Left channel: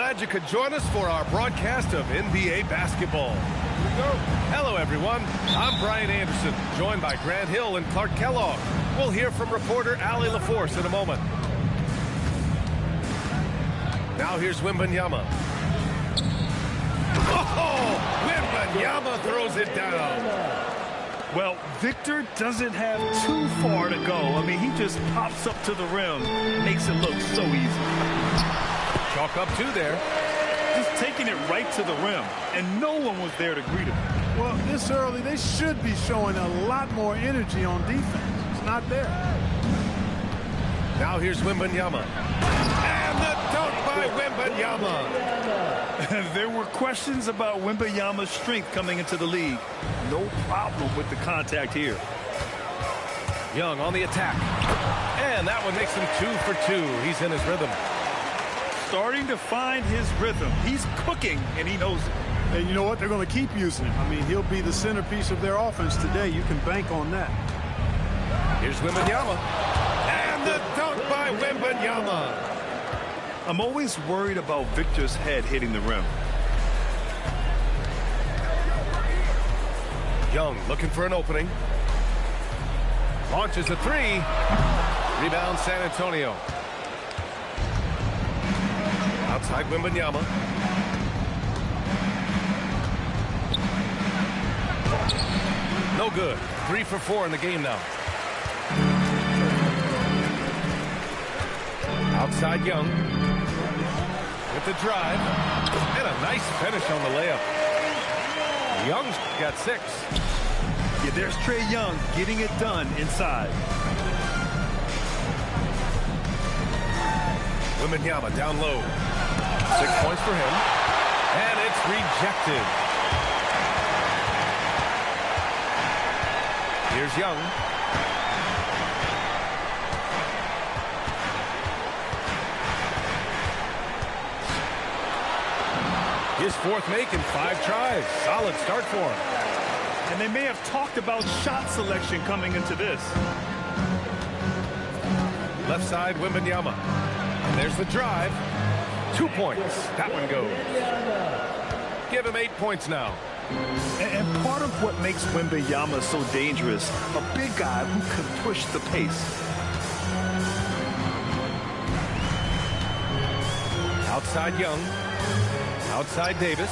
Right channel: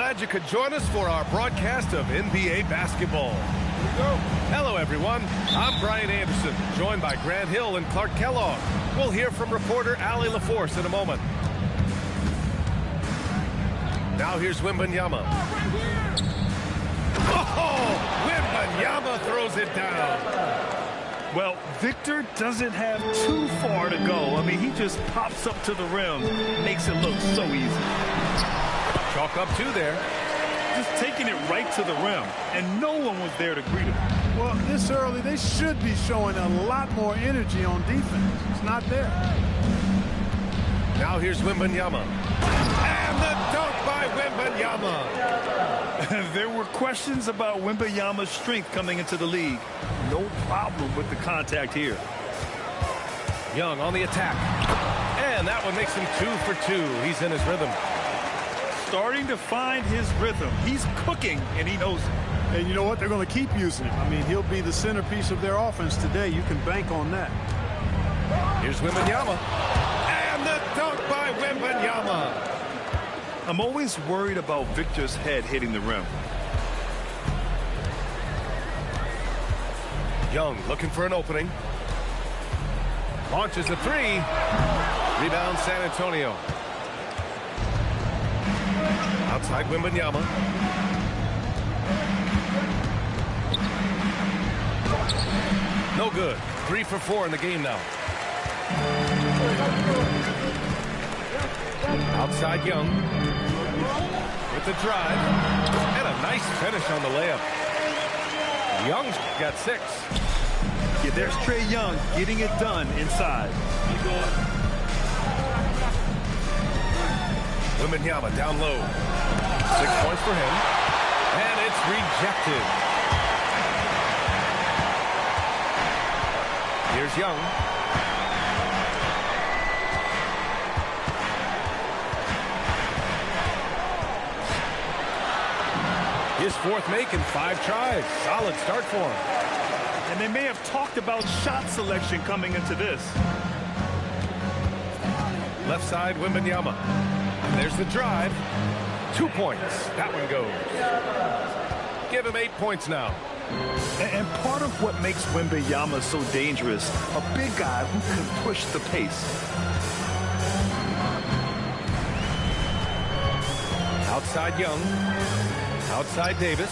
Glad you could join us for our broadcast of NBA basketball. Here we go. Hello, everyone. I'm Brian Anderson, joined by Grant Hill and Clark Kellogg. We'll hear from reporter Allie LaForce in a moment. Now here's Wembanyama. Oh, Wembanyama throws it down. Well, Victor doesn't have too far to go. I mean, he just pops up to the rim, makes it look so easy. Chalk up two there. Just taking it right to the rim, and no one was there to greet him. Well, this early, they should be showing a lot more energy on defense. It's not there. Now here's Wembanyama. And the dunk by Wembanyama. There were questions about Wembanyama's strength coming into the league. No problem with the contact here. Young on the attack. And that one makes him 2 for 2. He's in his rhythm. Starting to find his rhythm. He's cooking, and he knows it. And you know what? They're going to keep using him. I mean, he'll be the centerpiece of their offense today. You can bank on that. Here's Wembanyama. And the dunk by Wembanyama. I'm always worried about Victor's head hitting the rim. Young looking for an opening. Launches a three. Rebound San Antonio. Outside Wembanyama. No good. 3 for 4 in the game now. Outside Young. With the drive. And a nice finish on the layup. Young's got 6. Yeah, there's Trae Young getting it done inside. Wembanyama down low. 6 points for him. And it's rejected. Here's Young. His 4th make in 5 tries. Solid start for him. And they may have talked about shot selection coming into this. Left side, Wembanyama. And there's the drive. 2 points. That one goes. Give him 8 points now. And part of what makes Wembanyama so dangerous, a big guy who can push the pace. Outside Young. Outside Davis.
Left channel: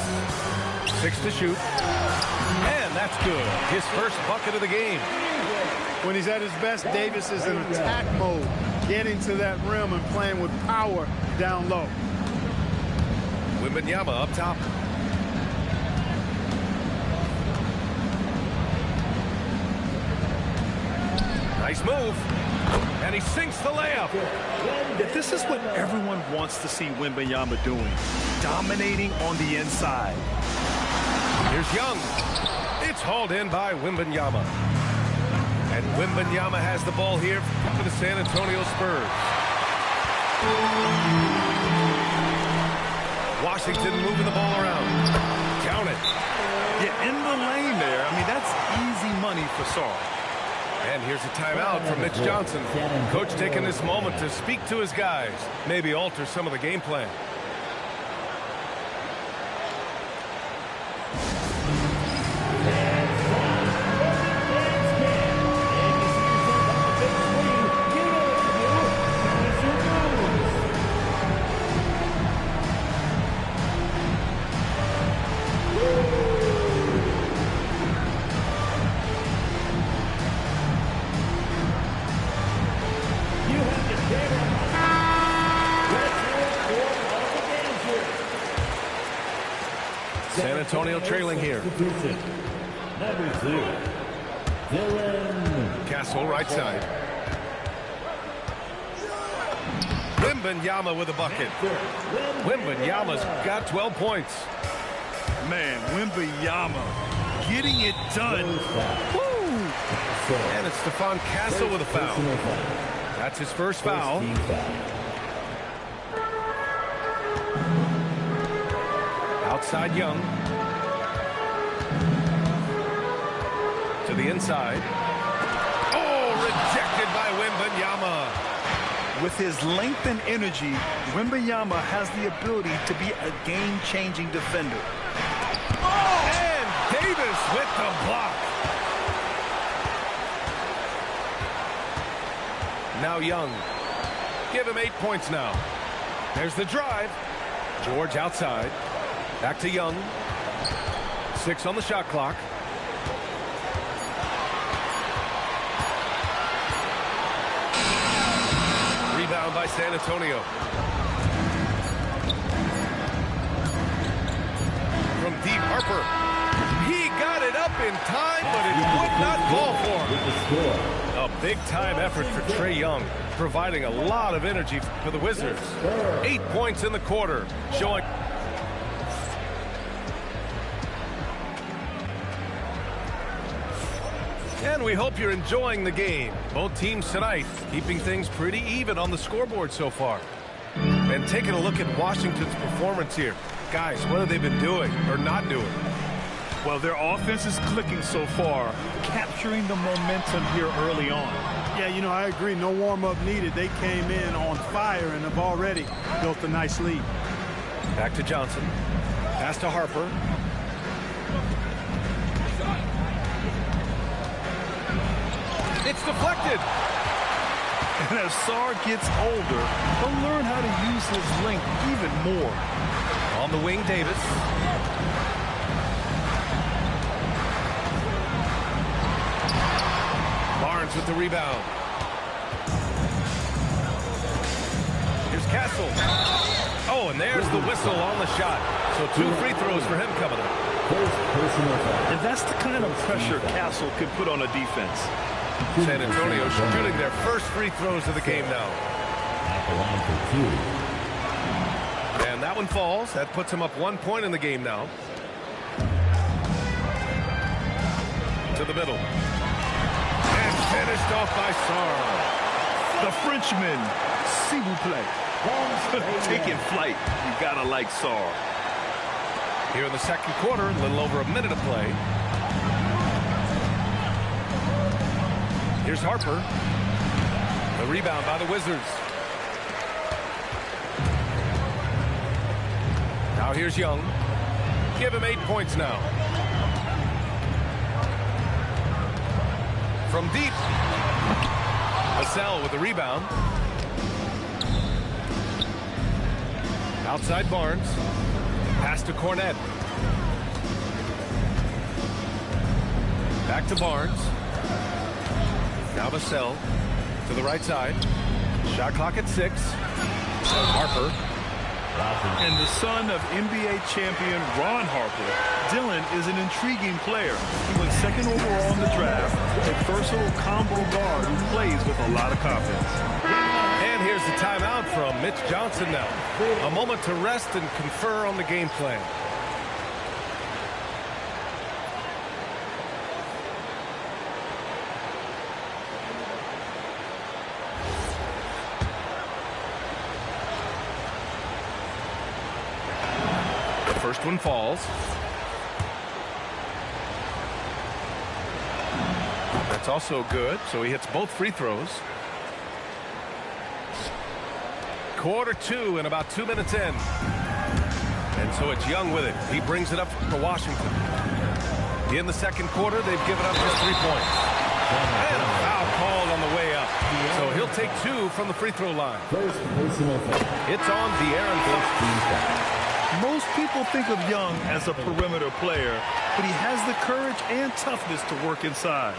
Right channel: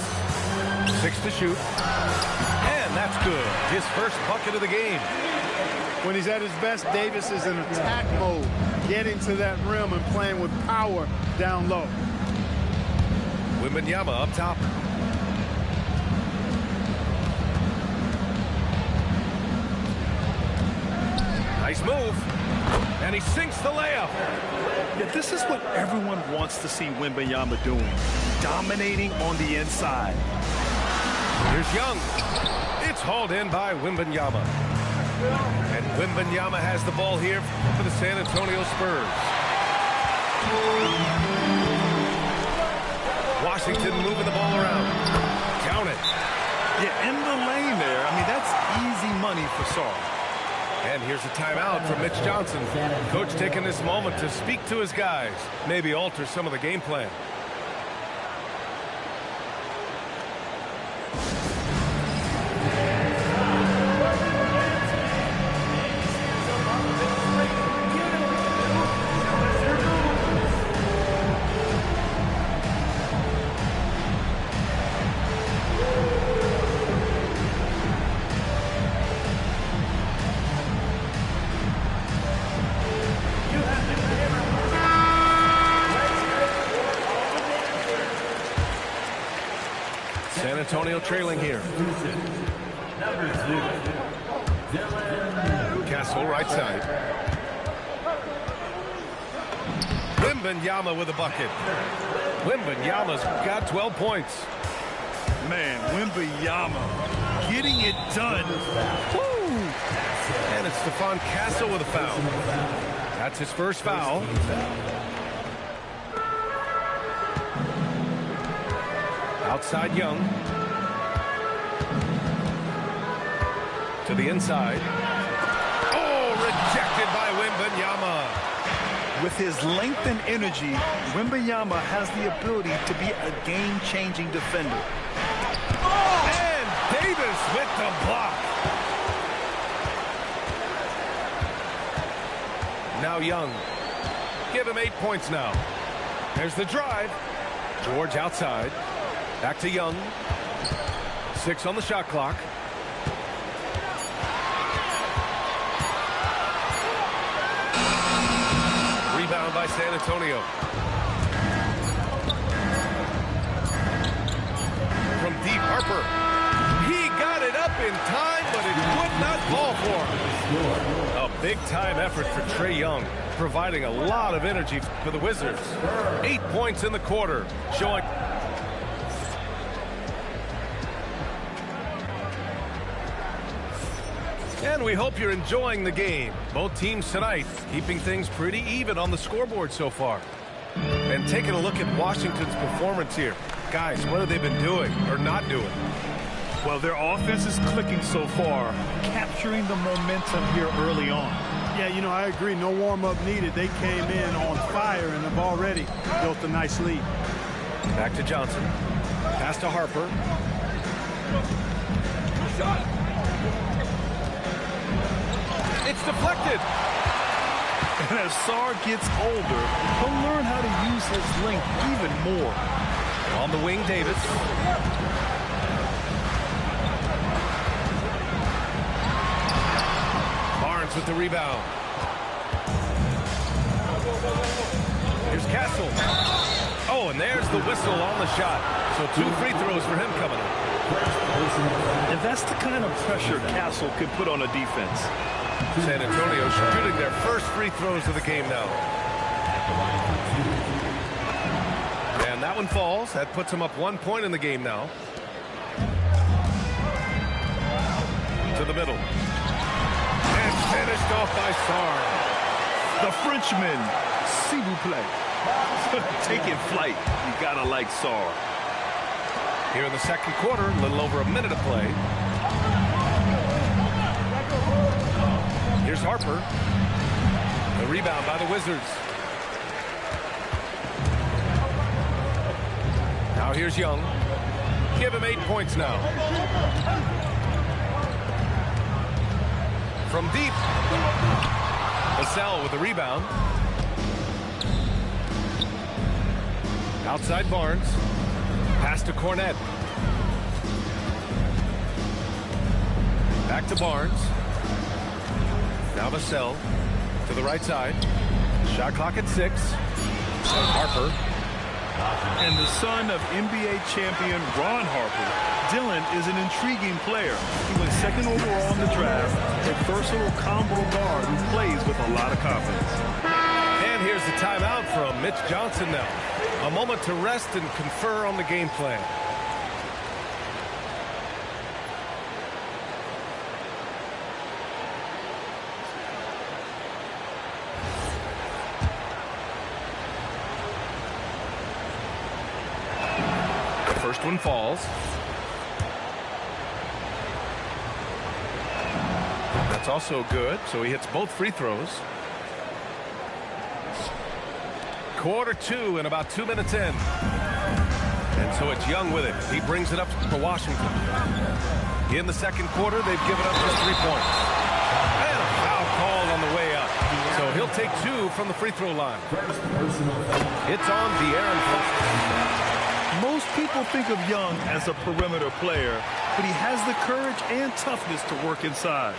6 to shoot. And that's good. His first bucket of the game. When he's at his best, Davis is in attack mode, getting to that rim and playing with power down low. Wembanyama up top. Nice move. And he sinks the layup. Yeah, this is what everyone wants to see Wembanyama doing. Dominating on the inside. Here's Young. It's hauled in by Wembanyama. And Wembanyama has the ball here for the San Antonio Spurs. Washington moving the ball around. Count it. Yeah, in the lane there. I mean, that's easy money for Sarr. And here's a timeout from Mitch Johnson. Coach taking this moment to speak to his guys. Maybe alter some of the game plan. San Antonio trailing here. Castle right side. Wembanyama with a bucket. Wembanyama's got 12 points. Man, Wembanyama getting it done. Woo! And it's Stephon Castle with a foul. That's his first foul. Outside Young. To the inside. Oh, rejected by Wembanyama. With his length and energy, Wembanyama has the ability to be a game-changing defender. And Davis with the block. Now Young. Give him 8 points now. There's the drive. George outside. Back to Young. 6 on the shot clock. Rebound by San Antonio. From deep, Harper. He got it up in time, but it would not fall for him. A big-time effort for Trae Young, providing a lot of energy for the Wizards. 8 points in the quarter, showing... And we hope you're enjoying the game. Both teams tonight keeping things pretty even on the scoreboard so far. And taking a look at Washington's performance here. Guys, what have they been doing or not doing? Well, their offense is clicking so far, capturing the momentum here early on. Yeah, you know, I agree. No warm-up needed. They came in on fire and have already built a nice lead. Back to Johnson. Pass to Harper. It's deflected. And as Sarr gets older, he'll learn how to use his length even more. On the wing, Davis. Barnes with the rebound. Here's Castle. Oh, and there's the whistle on the shot. So 2 free throws for him coming up. And that's the kind of pressure Castle can put on a defense. San Antonio shooting their first free throws of the game now. And that one falls. That puts him up 1 point in the game now. To the middle. And finished off by Sarr. The Frenchman, s'il vous plaît. Taking flight. You gotta like Sarr. Here in the second quarter, a little over a minute of play. Here's Harper. The rebound by the Wizards. Now here's Young. Give him 8 points now. From deep. Vassell with the rebound. Outside Barnes. Pass to Cornette. Back to Barnes. Now Vassell to the right side. Shot clock at 6. Harper. And the son of NBA champion Ron Harper, Dillon is an intriguing player. He went 2nd overall in the draft, a versatile combo guard who plays with a lot of confidence. And here's the timeout from Mitch Johnson now. A moment to rest and confer on the game plan. First one falls. That's also good, so he hits both free throws. Quarter 2 and about 2 minutes in. And so it's Young with it. He brings it up for Washington. In the second quarter, they've given up just 3 points. And a foul called on the way up. So he'll take 2 from the free throw line. It's on De'Aaron Fox. Most people think of Young as a perimeter player, but he has the courage and toughness to work inside.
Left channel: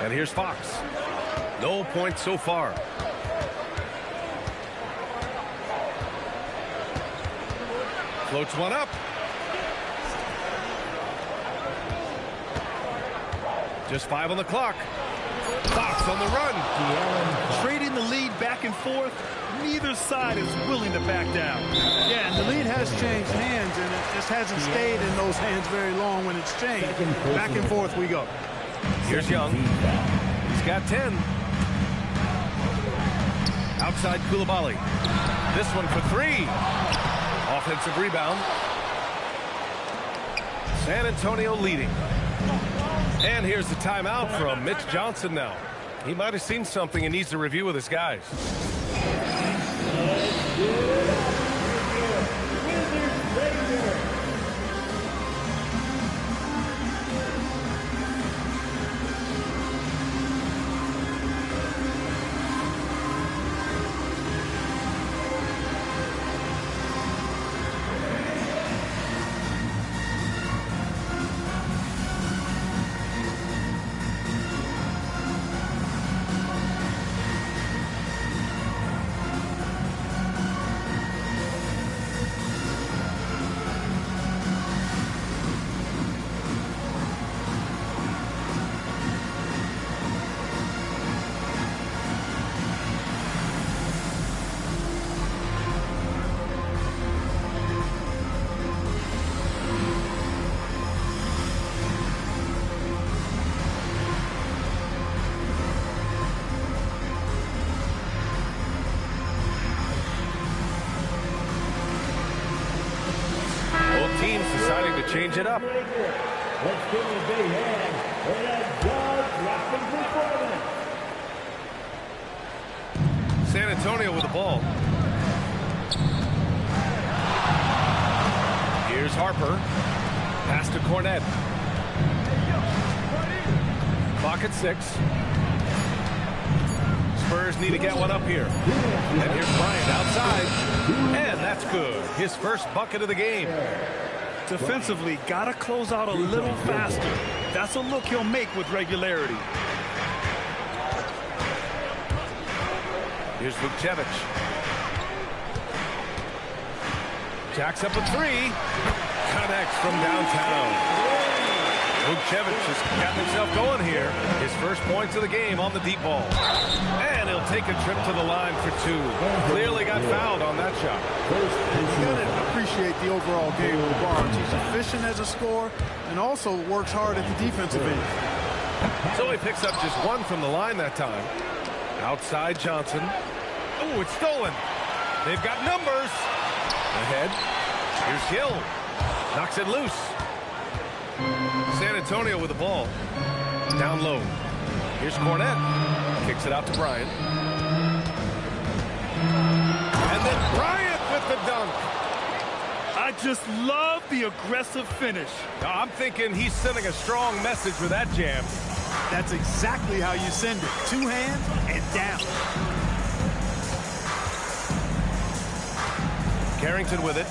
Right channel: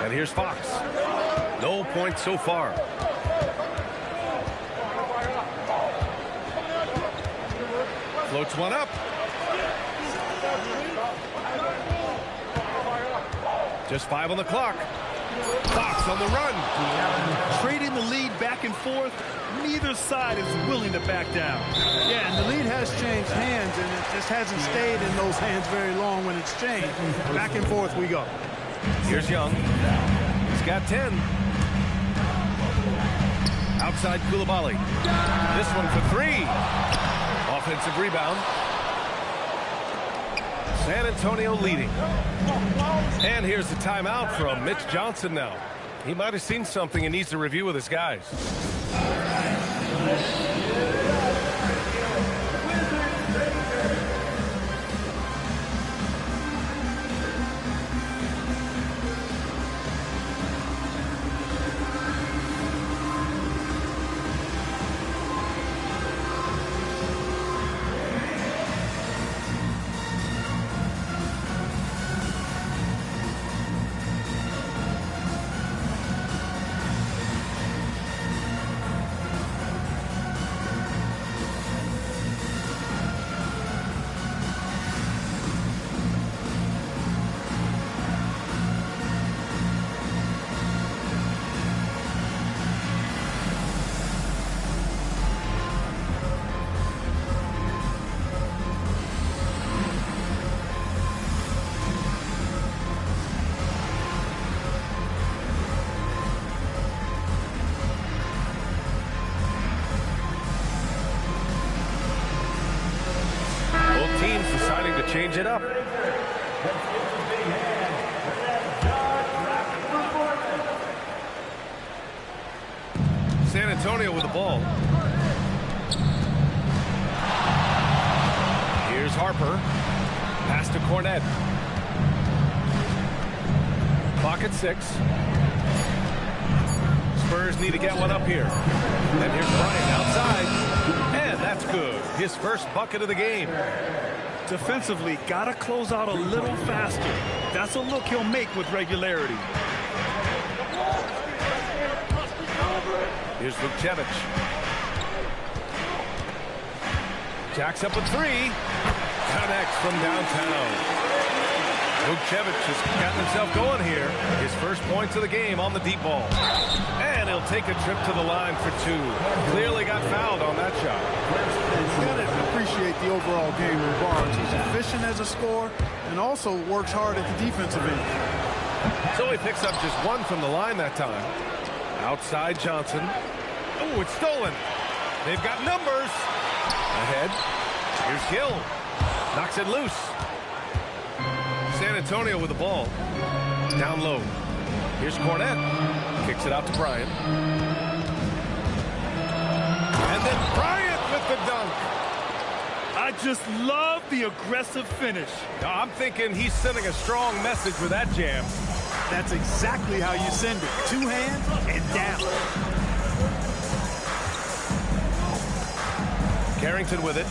And here's Fox. No points so far. Floats one up. Just 5 on the clock. Fox on the run. Trading the lead back and forth, neither side is willing to back down. Yeah, and the lead has changed hands, and it just hasn't stayed in those hands very long when it's changed. Back and forth we go. Here's Young. He's got 10. Outside Coulibaly. This one for 3. Offensive rebound. San Antonio leading. And here's the timeout from Mitch Johnson now. He might have seen something and needs to review with his guys. Teams deciding to change it up. Let's give him a big hand for that dog performance. San Antonio with the ball. Here's Harper. Pass to Cornette. Clock at 6. Spurs need to get one up here. And here's Bryant outside. And that's good. His first bucket of the game. Defensively, got to close out a little faster. That's a look he'll make with regularity. Here's Vukcevic. Jacks up a 3. Connects from downtown. Vukcevic has gotten himself going here. His first points of the game on the deep ball. And he'll take a trip to the line for 2. Clearly got fouled on that shot. And you got to appreciate the overall game of Barnes. He's efficient as a scorer and also works hard at the defensive end. So he picks up just 1 from the line that time. Outside Johnson. Oh, it's stolen. They've got numbers. Ahead. Here's Gill. Knocks it loose. San Antonio with the ball. Down low. Here's Cornette. Kicks it out to Bryant. And then Bryant with the dunk. I just love the aggressive finish. Now, I'm thinking he's sending a strong message with that jam. That's exactly how you send it. 2 hands and down. Carrington with it.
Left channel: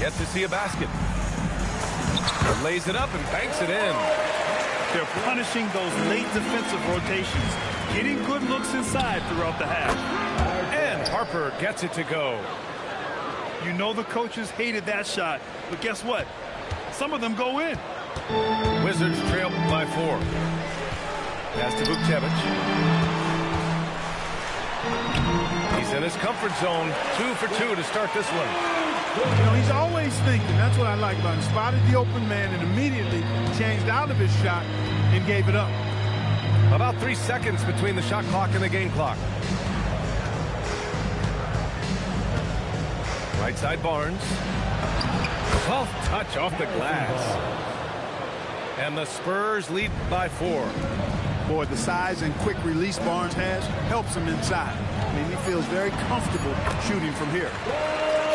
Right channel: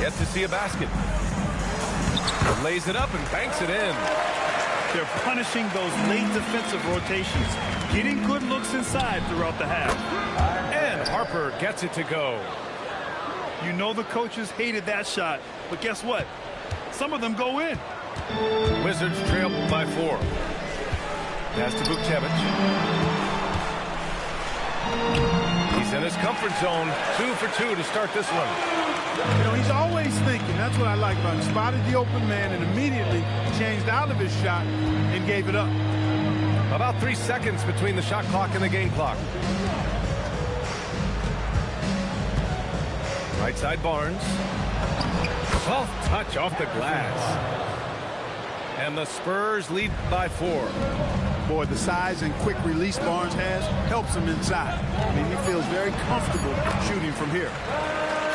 Yet to see a basket. Lays it up and banks it in. They're punishing those late defensive rotations, getting good looks inside throughout the half. And Harper gets it to go. You know the coaches hated that shot, but guess what? Some of them go in. Wizards trail by 4. Pass to Vukcevic. He's in his comfort zone. 2 for 2 to start this one. You know, he's always thinking. That's what I like about him. Spotted the open man and immediately changed out of his shot and gave it up. About 3 seconds between the shot clock and the game clock. Right side Barnes. Soft touch off the glass. And the Spurs lead by 4. Boy, the size and quick release Barnes has helps him inside. I mean, he feels very comfortable shooting from here.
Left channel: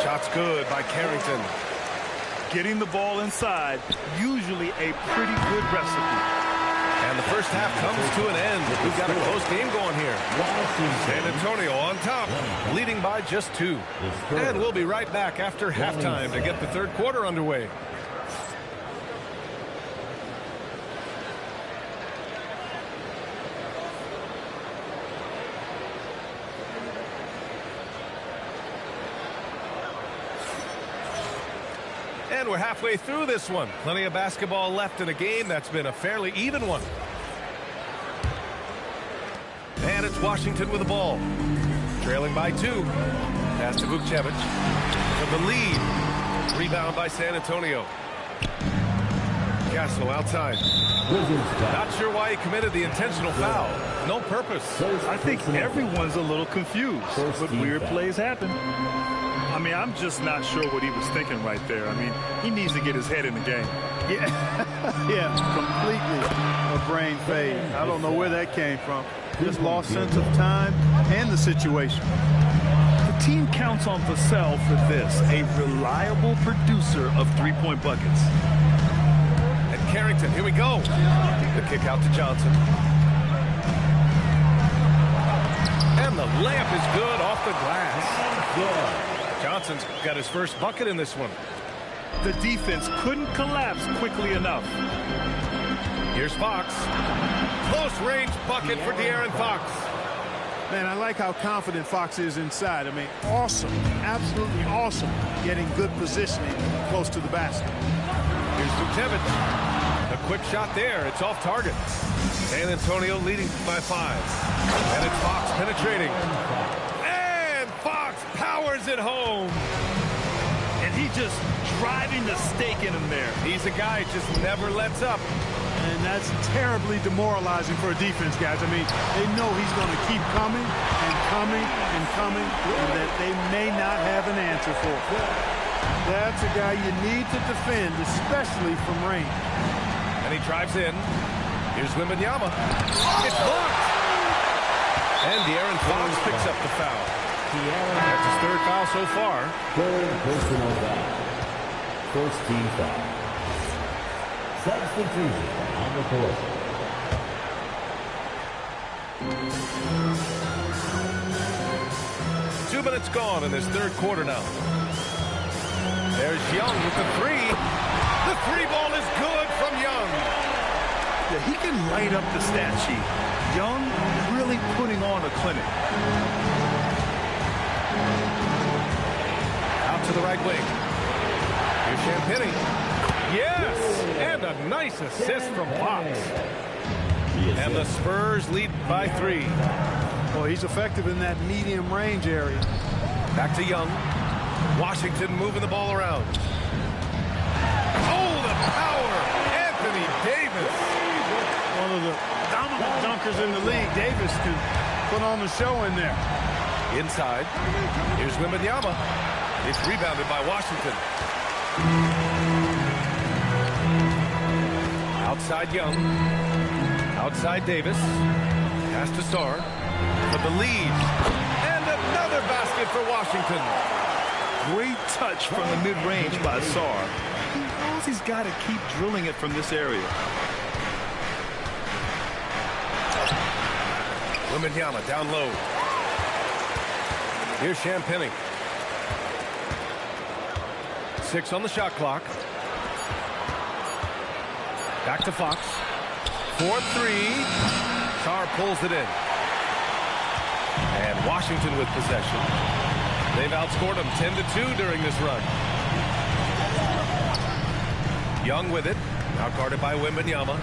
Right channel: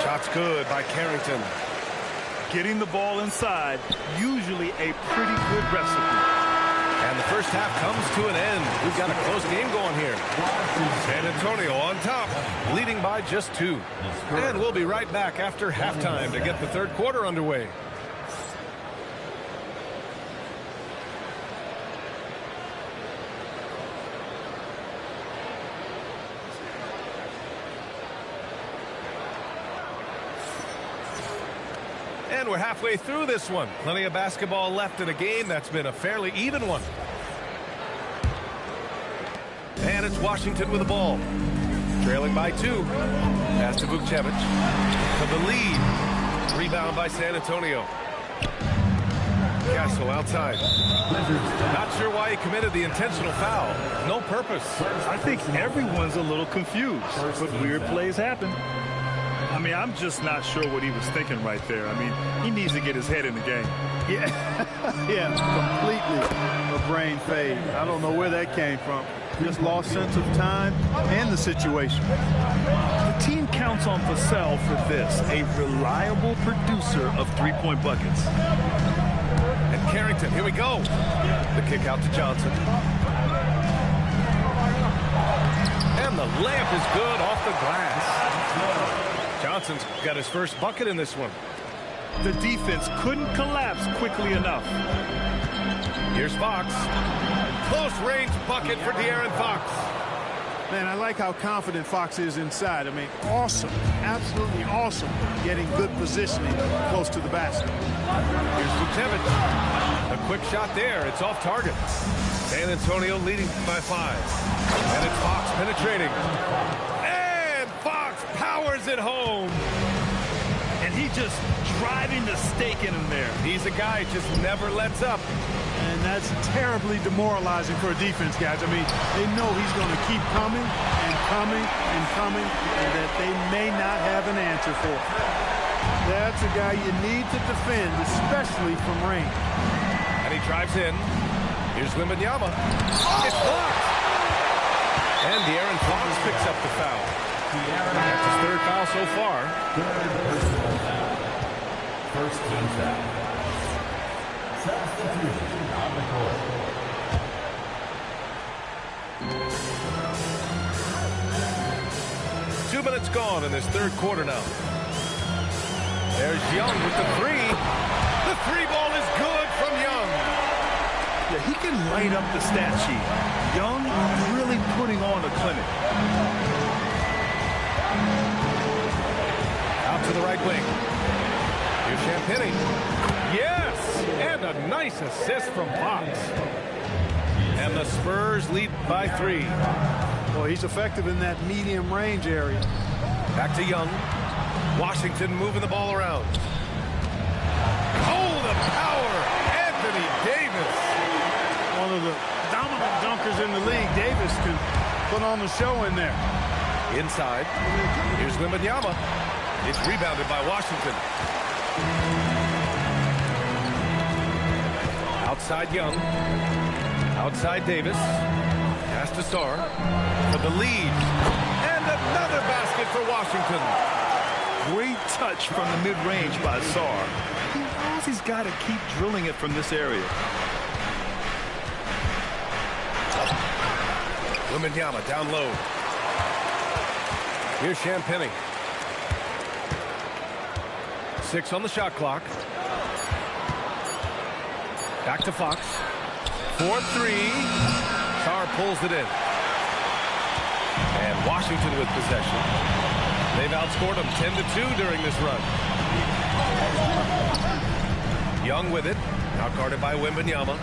Shot's good by Carrington. Getting the ball inside, usually a pretty good recipe. And the first half comes to an end. We've got a close game going here. San Antonio on top, leading by just 2. And we'll be right back after halftime to get the third quarter underway. And we're halfway through this one. Plenty of basketball left in a game that's been a fairly even one. And it's Washington with the ball. Trailing by 2. Pass to Vukcevic. For the lead. Rebound by San Antonio. Castle outside. Not sure why he committed the intentional foul. No purpose. I think everyone's a little confused, but weird plays happen. I mean, I'm just not sure what he was thinking right there. I mean, he needs to get his head in the game. Yeah, yeah, completely a brain fade. I don't know where that came from. Just lost sense of time and the situation. The team counts on Vassell for this, a reliable producer of three-point buckets. And Carrington, here we go. The kick out to Johnson. And the layup is good off the glass. Johnson's got his first bucket in this one. The defense couldn't collapse quickly enough. Here's Fox. Close range bucket for De'Aaron Fox. Man, I like how confident Fox is inside. I mean, awesome, absolutely awesome, getting good positioning close to the basket. Here's Vukcevic. A quick shot there. It's off target. San Antonio leading by 5. And it's Fox penetrating. And Fox powers it home. And he just driving the stake in him there. He's a guy who just never lets up. And that's terribly demoralizing for a defense, guys. I mean, they know he's going to keep coming and coming and coming, and that they may not have an answer for. That's a guy you need to defend, especially from range. And he drives in. Here's Wembanyama. It's blocked. And De'Aaron Fox picks up the foul. That's his third foul so far. Third personal foul. First team foul. Substitution on the court. Two minutes gone in this third quarter now. There's Young with the three. The three ball is good from Young. Yeah, he can light up the stat sheet. Young really putting on a clinic. Out to the right wing. Here's Champagnie. Yes! And a nice assist from Fox. And the Spurs lead by 3. Well, he's effective in that medium range area. Back to Young. Washington moving the ball around. Oh, the power! Anthony Davis. One of the dominant dunkers in the league. Davis can put on the show in there. Inside. Here's Wembanyama. It's rebounded by Washington. Outside Young. Outside Davis. Pass to Sarr for the lead. And another basket for Washington. Great touch from the mid-range by Sarr. He knows he's got to keep drilling it from this area. Wembanyama down low. Here's Champagnie. 6 on the shot clock. Back to Fox. 4-3. Sarr pulls it in. And Washington with possession. They've outscored them 10-2 during this run. Young with it. Now guarded by Wembanyama.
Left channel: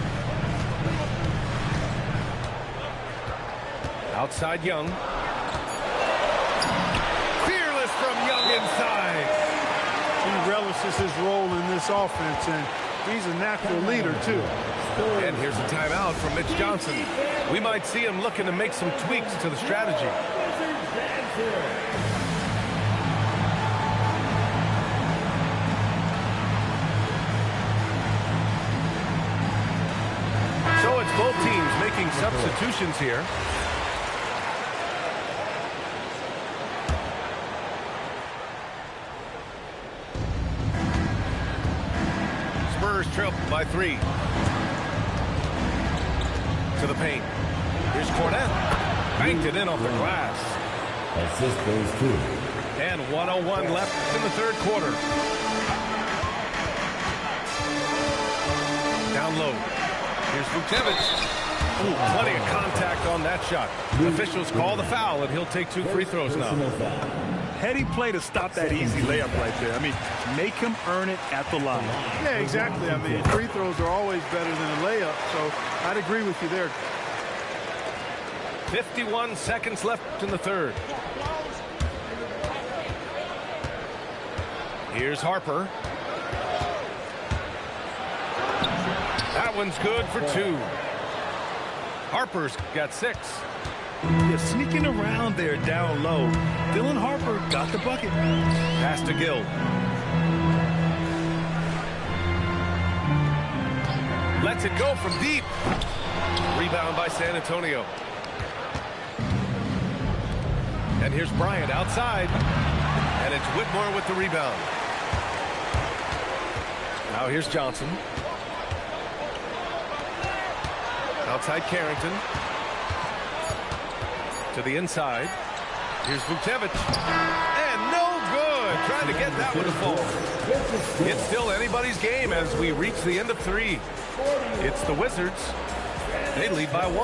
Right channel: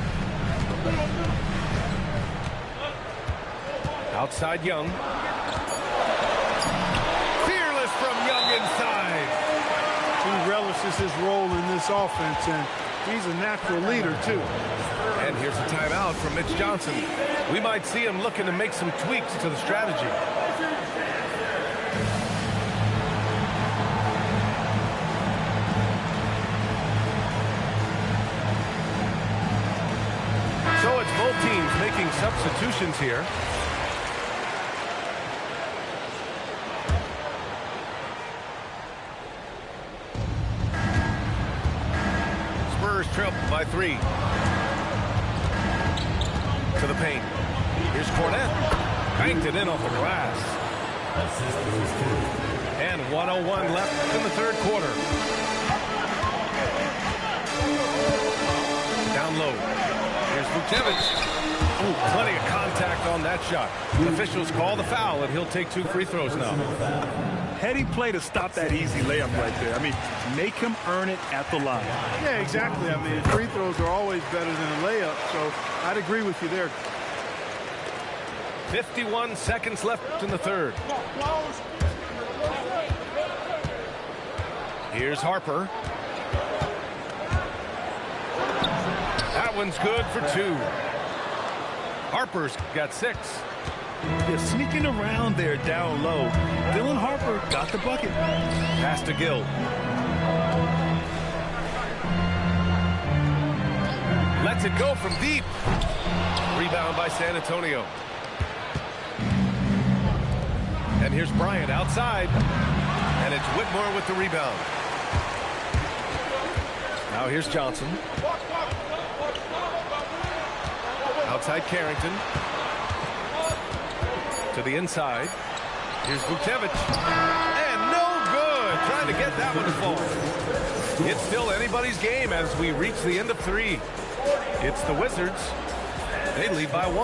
Outside Young. Fearless from Young inside. He relishes his role in this offense, and he's a natural leader, too. And here's a timeout from Mitch Johnson. We might see him looking to make some tweaks to the strategy. So it's both teams making substitutions here. Spurs trail by 3. To the paint. Here's Cornette. Banked it in off the glass. Assist goes to. And 1:01 left in the third quarter. Down low. Here's Vukcevic. Oh, plenty of contact on that shot. Officials call the foul, and he'll take 2 free throws now. Heady play to stop that easy layup right there. I mean, make him earn it at the line. Yeah, exactly. I mean, free throws are always better than a layup, so I'd agree with you there. 51 seconds left in the third. Here's Harper. That one's good for 2. Harper's got 6. Yeah, sneaking around there down low. Dylan Harper got the bucket. Pass to Gill. Lets it go from deep. Rebound by San Antonio. And here's Bryant outside. And it's Whitmore with the rebound. Now here's Johnson. Outside Carrington. To the inside. Here's Vucevic. And no good. Trying to get that one to fall. It's still anybody's game as we reach the end of 3. It's the Wizards. They lead by 1.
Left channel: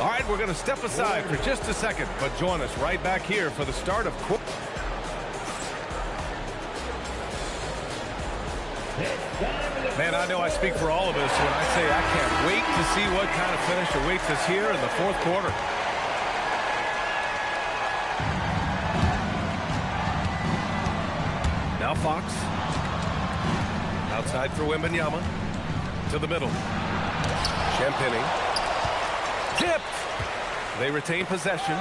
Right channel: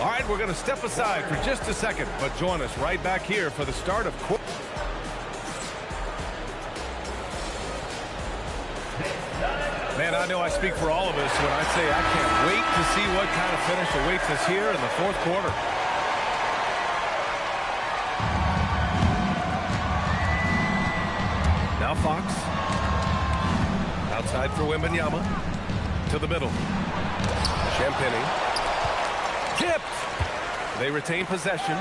All right, we're going to step aside for just a second, but join us right back here for the start of quarter. Man, I know I speak for all of us when I say I can't wait to see what kind of finish awaits us here in the 4th quarter. Now Fox. Outside for Wembanyama. To the middle. Champagnie. Tipped. They retain possession.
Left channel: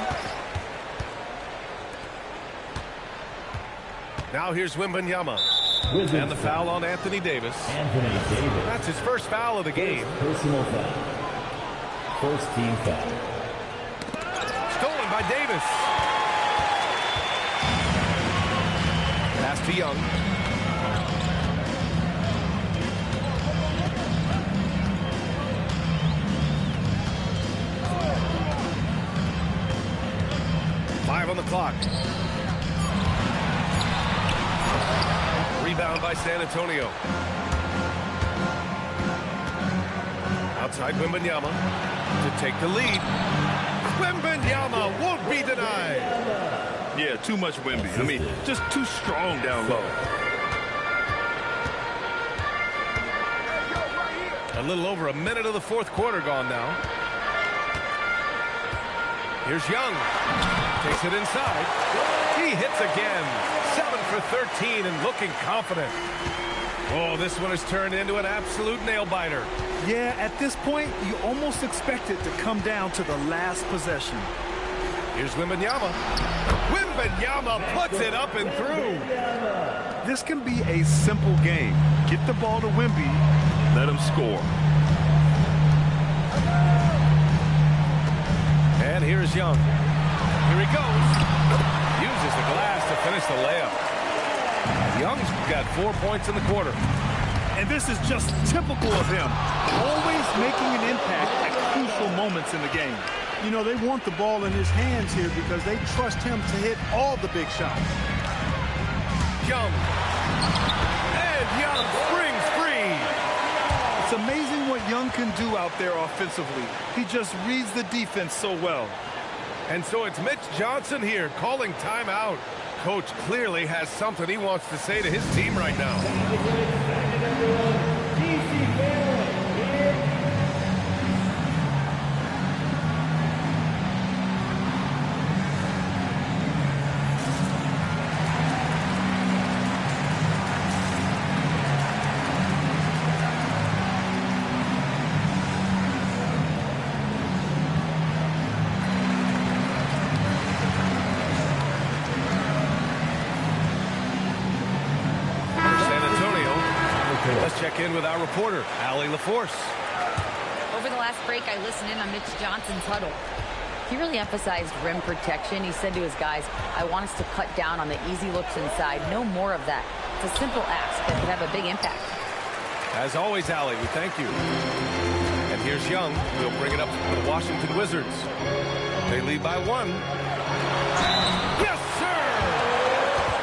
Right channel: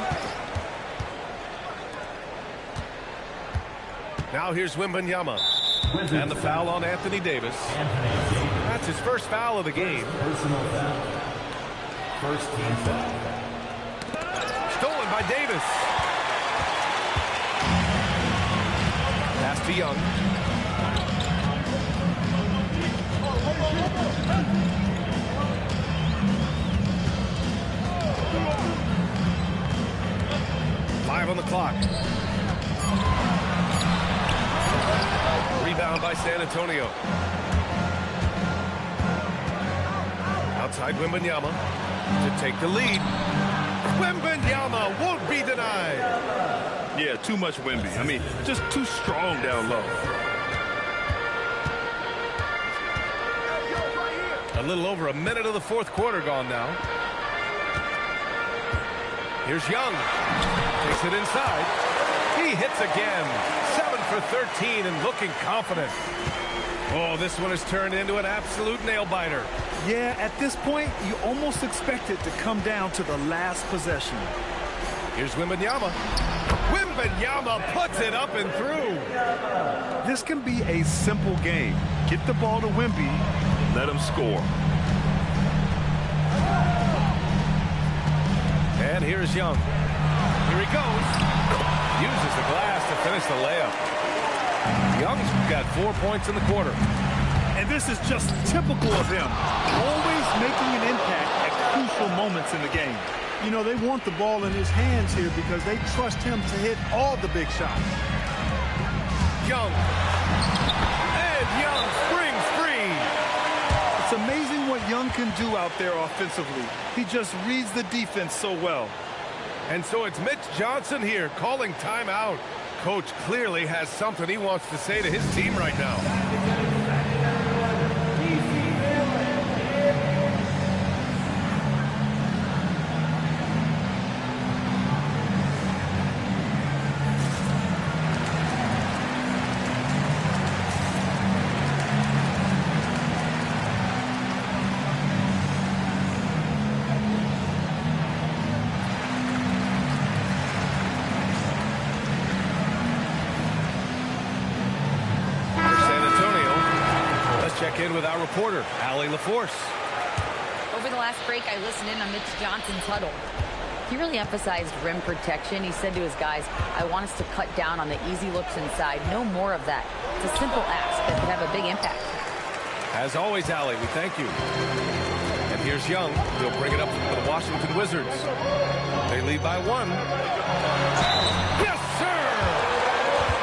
Now here's Wembanyama. And the foul on Anthony Davis. That's his first foul of the game. Personal foul. First team foul. Stolen by Davis. Pass to Young. Five on the clock. Rebound by San Antonio. Outside Wembanyama to take the lead. Wembanyama won't be denied. Yeah, too much Wemby. I mean, just too strong down low. A little over a minute of the 4th quarter gone now. Here's Young. Takes it inside. He hits again. 7 for 13 and looking confident. Oh, this one has turned into an absolute nail-biter. Yeah, at this point, you almost expect it to come down to the last possession. Here's Wembanyama. Wembanyama puts it up and through. This can be a simple game. Get the ball to Wemby, let him score. And here's Young. Here he goes. Uses the glass to finish the layup. Young's got 4 points in the quarter. And this is just typical of him. Always making an impact at crucial moments in the game. You know, they want the ball in his hands here because they trust him to hit all the big shots. Young. And Young springs free. It's amazing what Young can do out there offensively. He just reads the defense so well. And so it's Mitch Johnson here calling timeout. Coach clearly has something he wants to say to his team right now. Check in with our reporter, Allie LaForce. Over the last break, I listened in on Mitch Johnson's huddle. He really emphasized rim protection. He said to his guys, I want us to cut down on the easy looks inside. No more of that. It's a simple ask that could have a big impact. As always, Allie, we thank you. And here's Young. He'll bring it up for the Washington Wizards. They lead by 1. Yes, sir!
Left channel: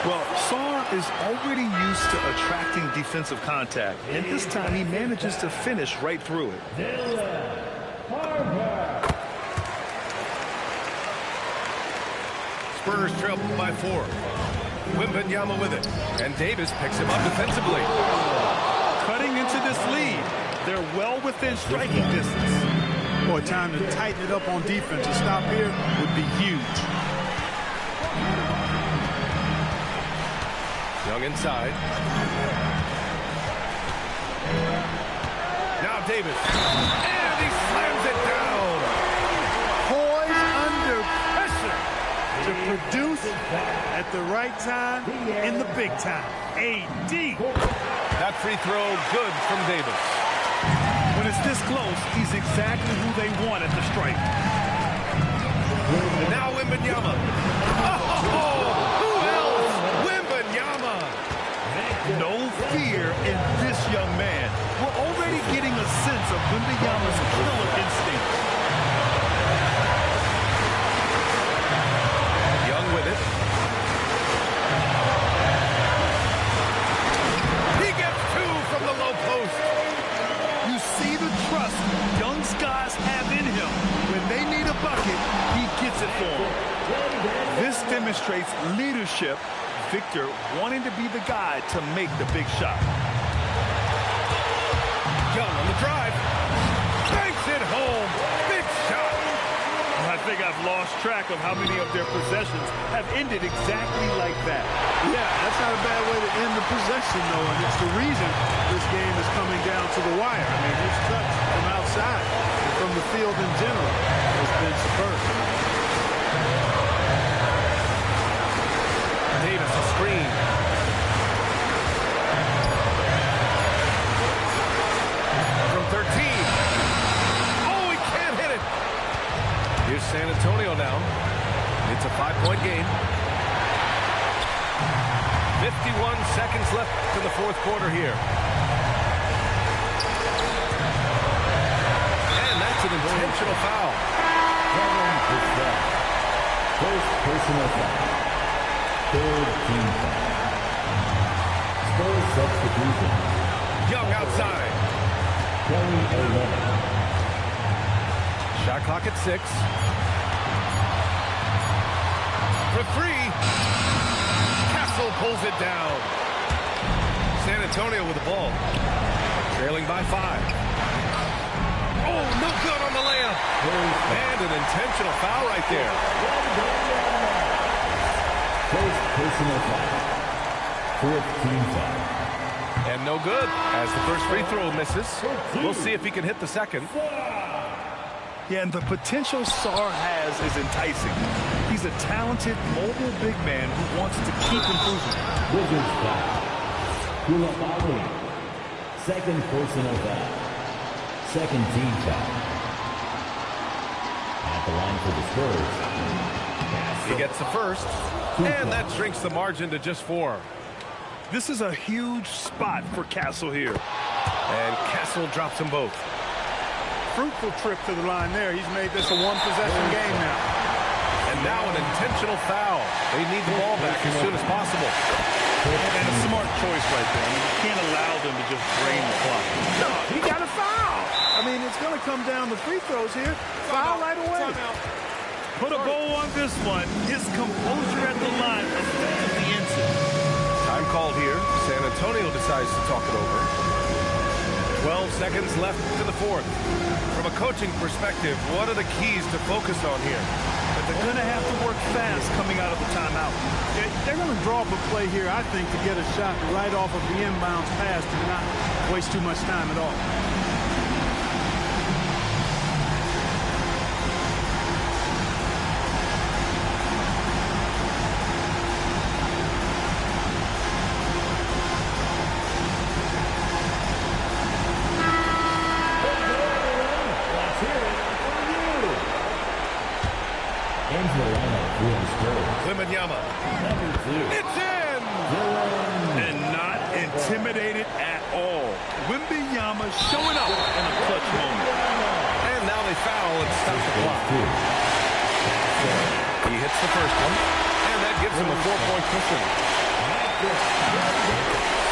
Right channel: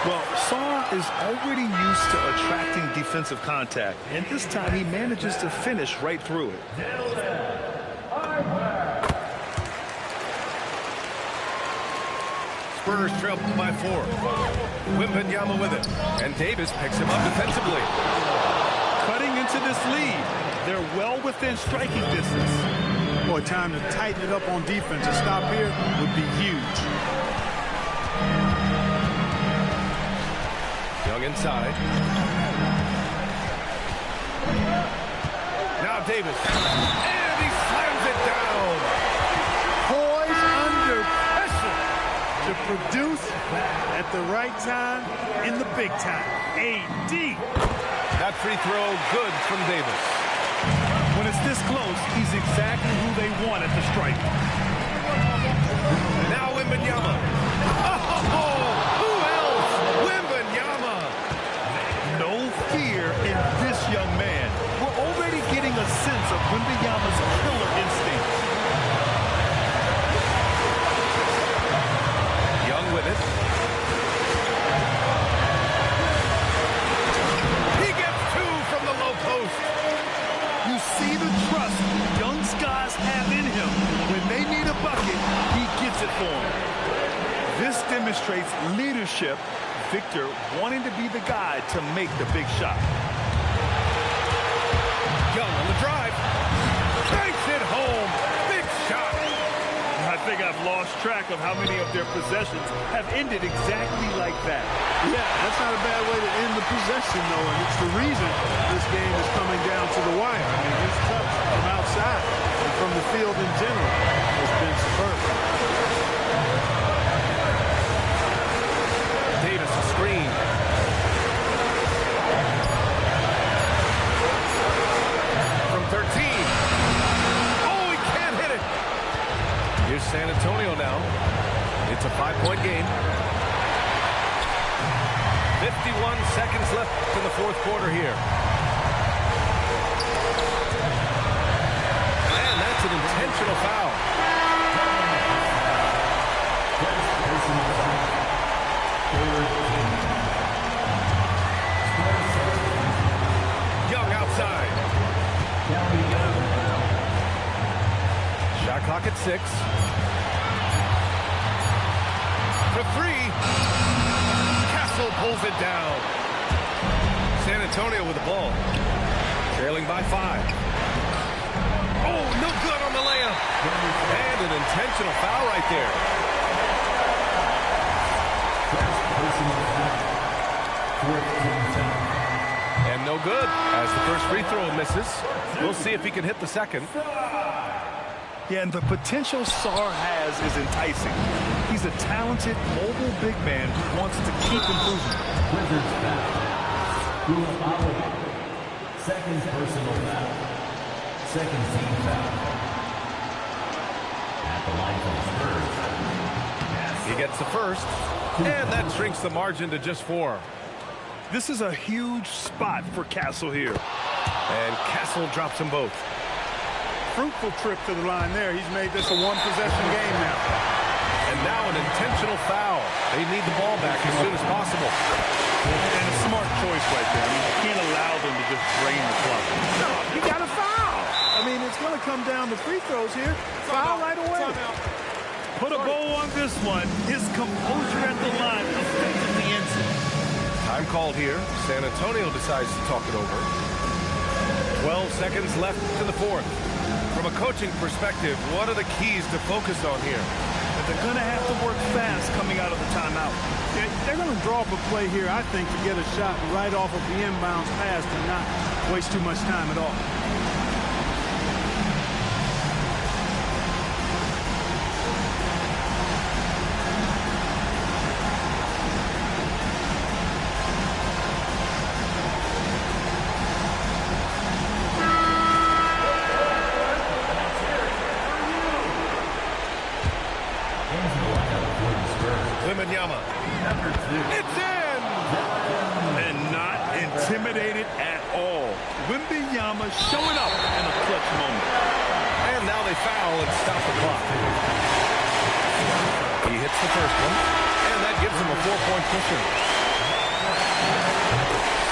Well, Sarr is already used to attracting defensive contact, and this time he manages to finish right through it. Spurs trail by 4. Wembanyama with it, and Davis picks him up defensively. Cutting into this lead, they're well within striking distance. Boy, time to tighten it up on defense. A stop here would be huge. Young inside. Now Davis. And he slams it down. Poise under to produce at the right time in the big time. AD. That free throw good from Davis. When it's this close, he's exactly who they want at the stripe. Now Wembanyama. Oh, who else? Wembanyama. No fear in this young man. We're already getting a sense of Wembanyama's killer instinct. Young with it. He gets two from the low post. You see the trust young guys have in him. When they need a bucket, he gets it for them. This demonstrates leadership. Victor wanting to be the guy to make the big shot. Young on the drive. Banks it home. Big shot. I think I've lost track of how many of their possessions have ended exactly like that. Yeah, that's not a bad way to end the possession, though, and it's the reason this game is coming down to the wire. I mean, his touch from outside and from the field in general has been superb. Davis a screen. From 13. Oh, he can't hit it. Here's San Antonio now. It's a 5-point game. 51 seconds left in the fourth quarter here. And that's an intentional foul. First personal foul. Third team foul. Score substitution. Young outside. Kelly Olynyk. Shot clock at 6. For 3. Castle pulls it down. San Antonio with the ball. Trailing by 5. Oh, no good on the layup. And an intentional foul right there. First personal foul. Fourth team foul. And no good as the first free throw misses. We'll see if he can hit the second. Yeah, and the potential Sarr has is enticing. He's a talented, mobile big man who wants to keep improving. Wizards foul. Koulibaly. Second personal foul. Second team foul. At the line for the Spurs. He gets the first, and that shrinks the margin to just 4. This is a huge spot for Castle here. And Castle drops them both. Fruitful trip to the line there. He's made this a one-possession game now. And now an intentional foul. They need the ball back as soon as possible. And a smart choice right there. I mean, you can't allow them to just drain the clock. No, he got a foul. I mean, it's going to come down to free throws here. Foul right away. Put a bow on this one. His composure at the line effectively ends it. Time called here. San Antonio decides to talk it over. 12 seconds left in the fourth. From a coaching perspective, what are the keys to focus on here? But they're going to have to work fast coming out of the timeout. They're going to draw up a play here, I think, to get a shot right off of the inbounds pass and not waste too much time at all. Wembanyama. It's in! And not intimidated at all. Wembanyama showing up in a clutch moment. And now they foul and stop the clock. He hits the first one, and that gives him a 4-point cushion.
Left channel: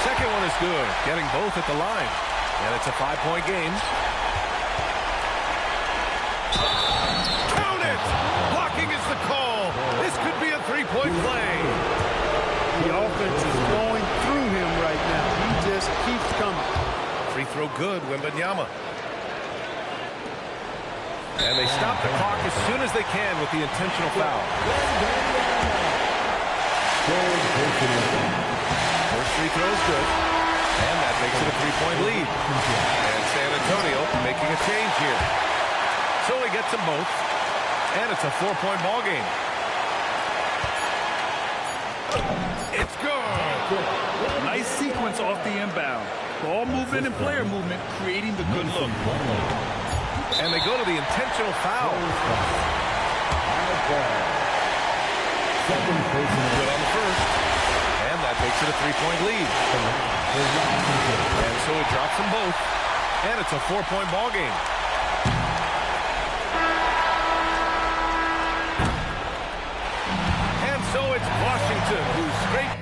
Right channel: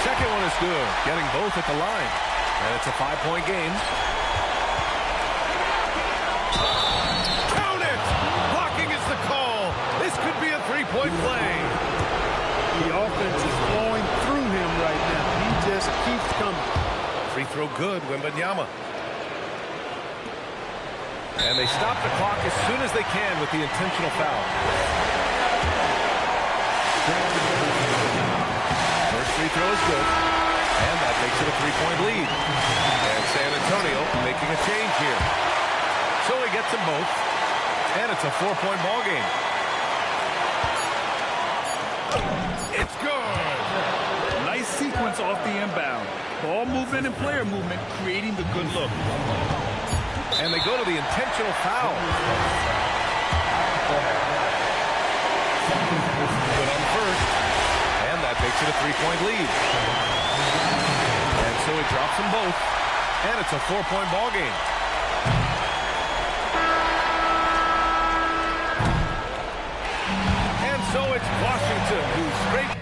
Second one is good, getting both at the line. And it's a 5-point game. Count it! Blocking is the call. This could be a 3-point play. The offense is flowing through him right now. He just keeps coming. Free throw good, Wembanyama. And they stop the clock as soon as they can with the intentional foul. First free throw is good. And that makes it a 3-point lead. And San Antonio making a change here. So he gets them both. And it's a 4-point ball game. sequence off the inbound. Ball movement and player movement creating the good look. And they go to the intentional foul. Good on the first. And that makes it a 3-point lead. And so he drops them both. And it's a 4-point ball game. And so it's Washington who scraped